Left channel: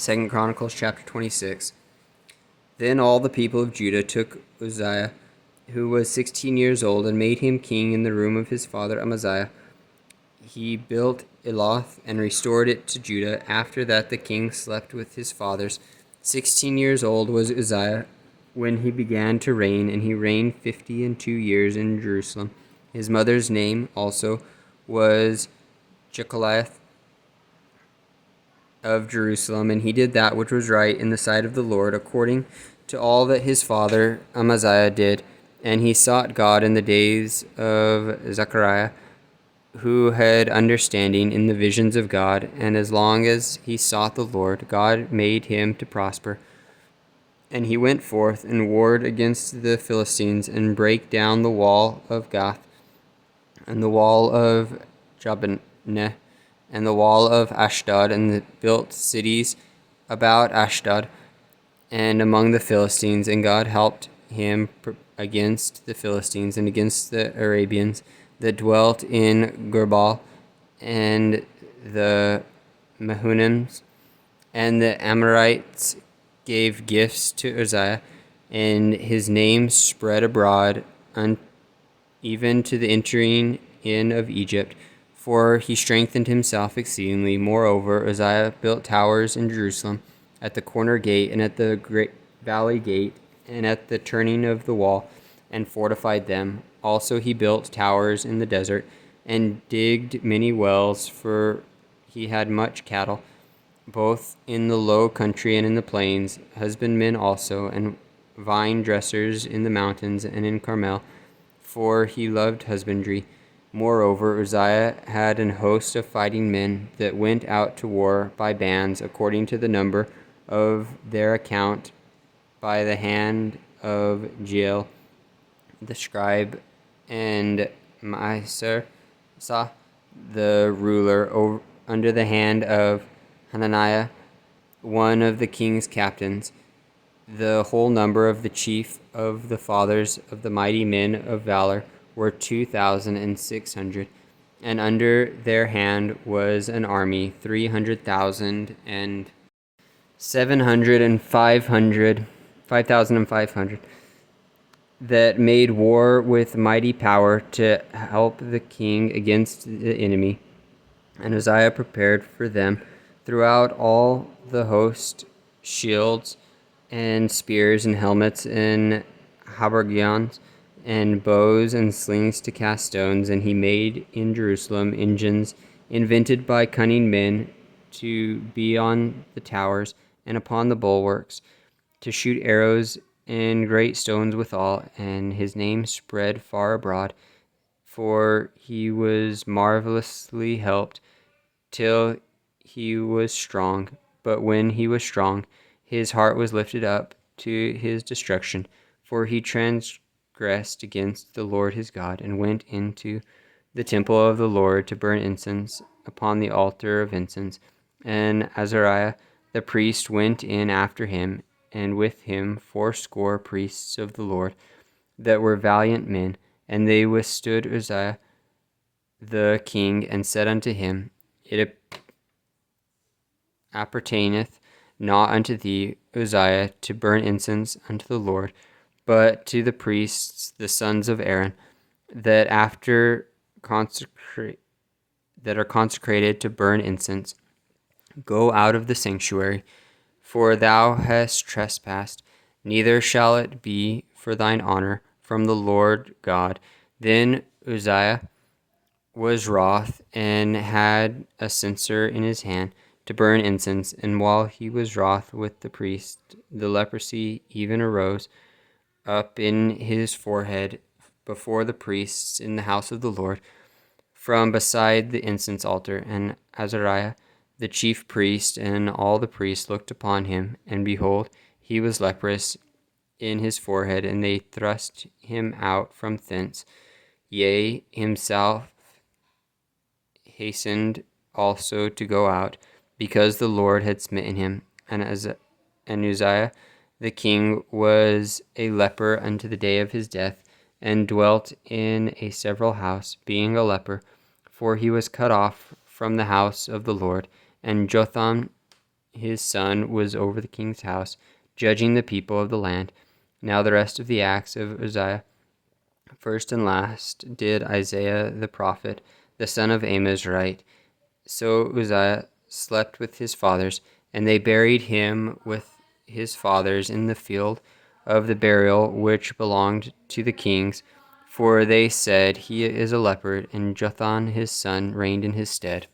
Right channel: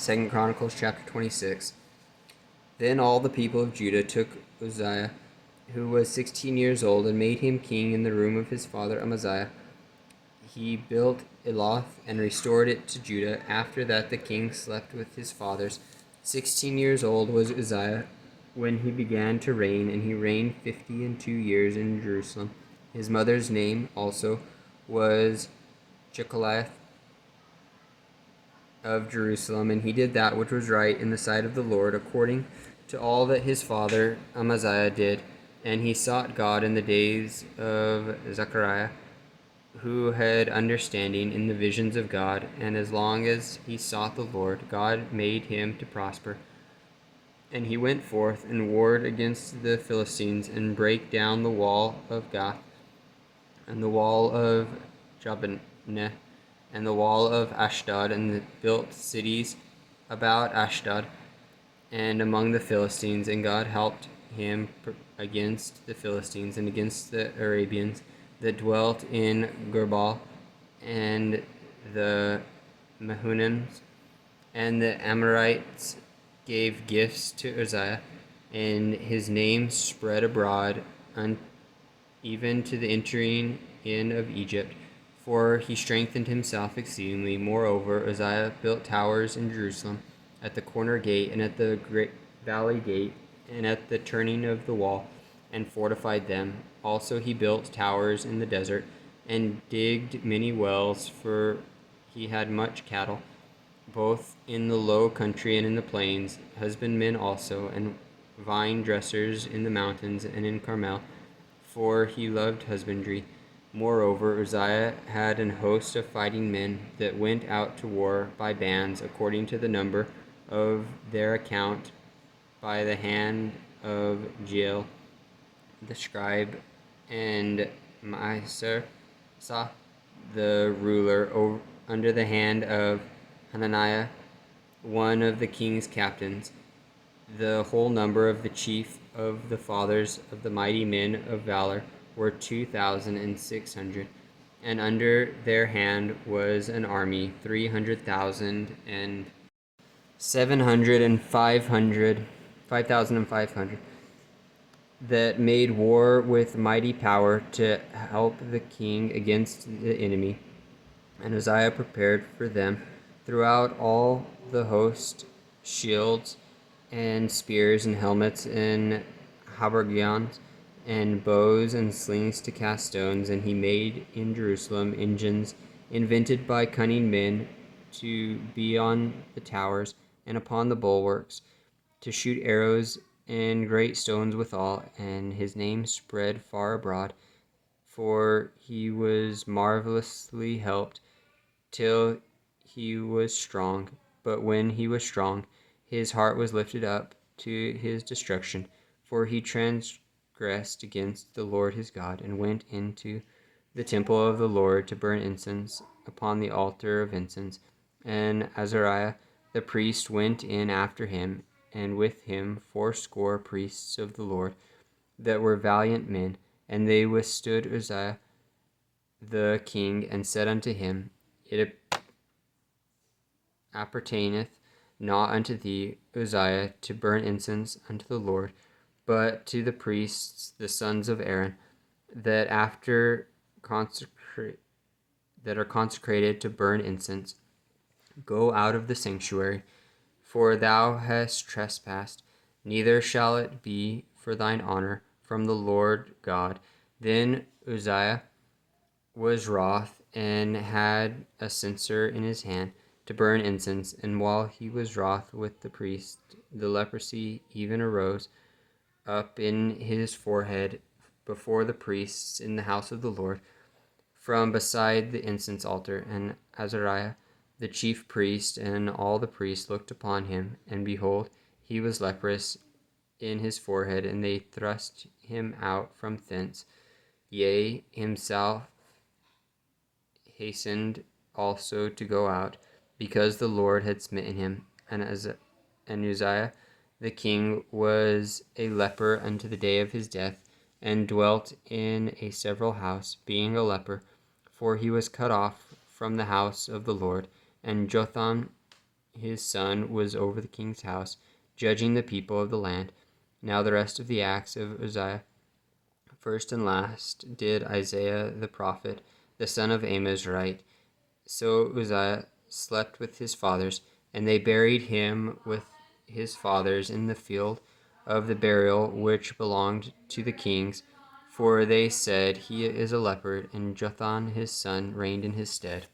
2 Chronicles chapter 26. Then all the people of Judah took Uzziah, who was 16 years old, and made him king in the room of his father Amaziah. He built Eloth and restored it to Judah. After that the king slept with his fathers. 16 years old was Uzziah when he began to reign, and he reigned 52 years in Jerusalem. His mother's name also was Jecholiah of Jerusalem, and he did that which was right in the sight of the Lord, according to all that his father Amaziah did. And he sought God in the days of Zechariah, who had understanding in the visions of God, and as long as he sought the Lord, God made him to prosper. And he went forth and warred against the Philistines, and brake down the wall of Gath, and the wall of Jabneh, and the wall of Ashdod, and built cities about Ashdod and among the Philistines. And God helped him against the Philistines and against the Arabians that dwelt in Gerbal, and the Mehunims, and the Amorites gave gifts to Uzziah, and his name spread abroad even to the entering in of Egypt, for he strengthened himself exceedingly. Moreover, Uzziah built towers in Jerusalem, at the corner gate, and at the great valley gate, and at the turning of the wall, and fortified them. Also he built towers in the desert, and digged many wells, for he had much cattle, both in the low country and in the plains, husbandmen also, and vine dressers in the mountains and in Carmel, for he loved husbandry. Moreover, Uzziah had an host of fighting men that went out to war by bands, according to the number of their account, by the hand of Jeiel the scribe, and Maaser the ruler, under the hand of Hananiah, one of the king's captains. The whole number of the chief of the fathers of the mighty men of valor were 2,600, and under their hand was an army 300,000 and 700 and 5,500 that made war with mighty power to help the king against the enemy. And Uzziah prepared for them throughout all the host shields and spears and helmets and habergeons and bows and slings to cast stones. And he made in Jerusalem engines invented by cunning men to be on the towers and upon the bulwarks, to shoot arrows and great stones withal. And his name spread far abroad, for he was marvelously helped till he was strong. But when he was strong, his heart was lifted up to his destruction, for he transgressed against the Lord his God, and went into the temple of the Lord to burn incense upon the altar of incense. And Azariah the priest went in after him, and with him 80 priests of the Lord that were valiant men. And they withstood Uzziah the king, and said unto him, It appertaineth not unto thee, Uzziah, to burn incense unto the Lord, but to the priests, the sons of Aaron, that are consecrated to burn incense. Go out of the sanctuary, for thou hast trespassed, neither shall it be for thine honor from the Lord God. Then Uzziah was wroth, and had a censer in his hand to burn incense. And while he was wroth with the priest, the leprosy even arose up in his forehead before the priests in the house of the Lord, from beside the incense altar. And Azariah the chief priest and all the priests looked upon him, and behold, he was leprous in his forehead, and they thrust him out from thence. Yea, himself hastened also to go out, because the Lord had smitten him. And Uzziah the king was a leper unto the day of his death, and dwelt in a several house, being a leper, for he was cut off from the house of the Lord. And Jotham his son was over the king's house, judging the people of the land. Now the rest of the acts of Uzziah, first and last, did Isaiah the prophet, the son of Amos, write. So Uzziah slept with his fathers, and they buried him with his fathers in the field of the burial which belonged to the kings, for they said, He is a leopard, and Jotham his son reigned in his stead.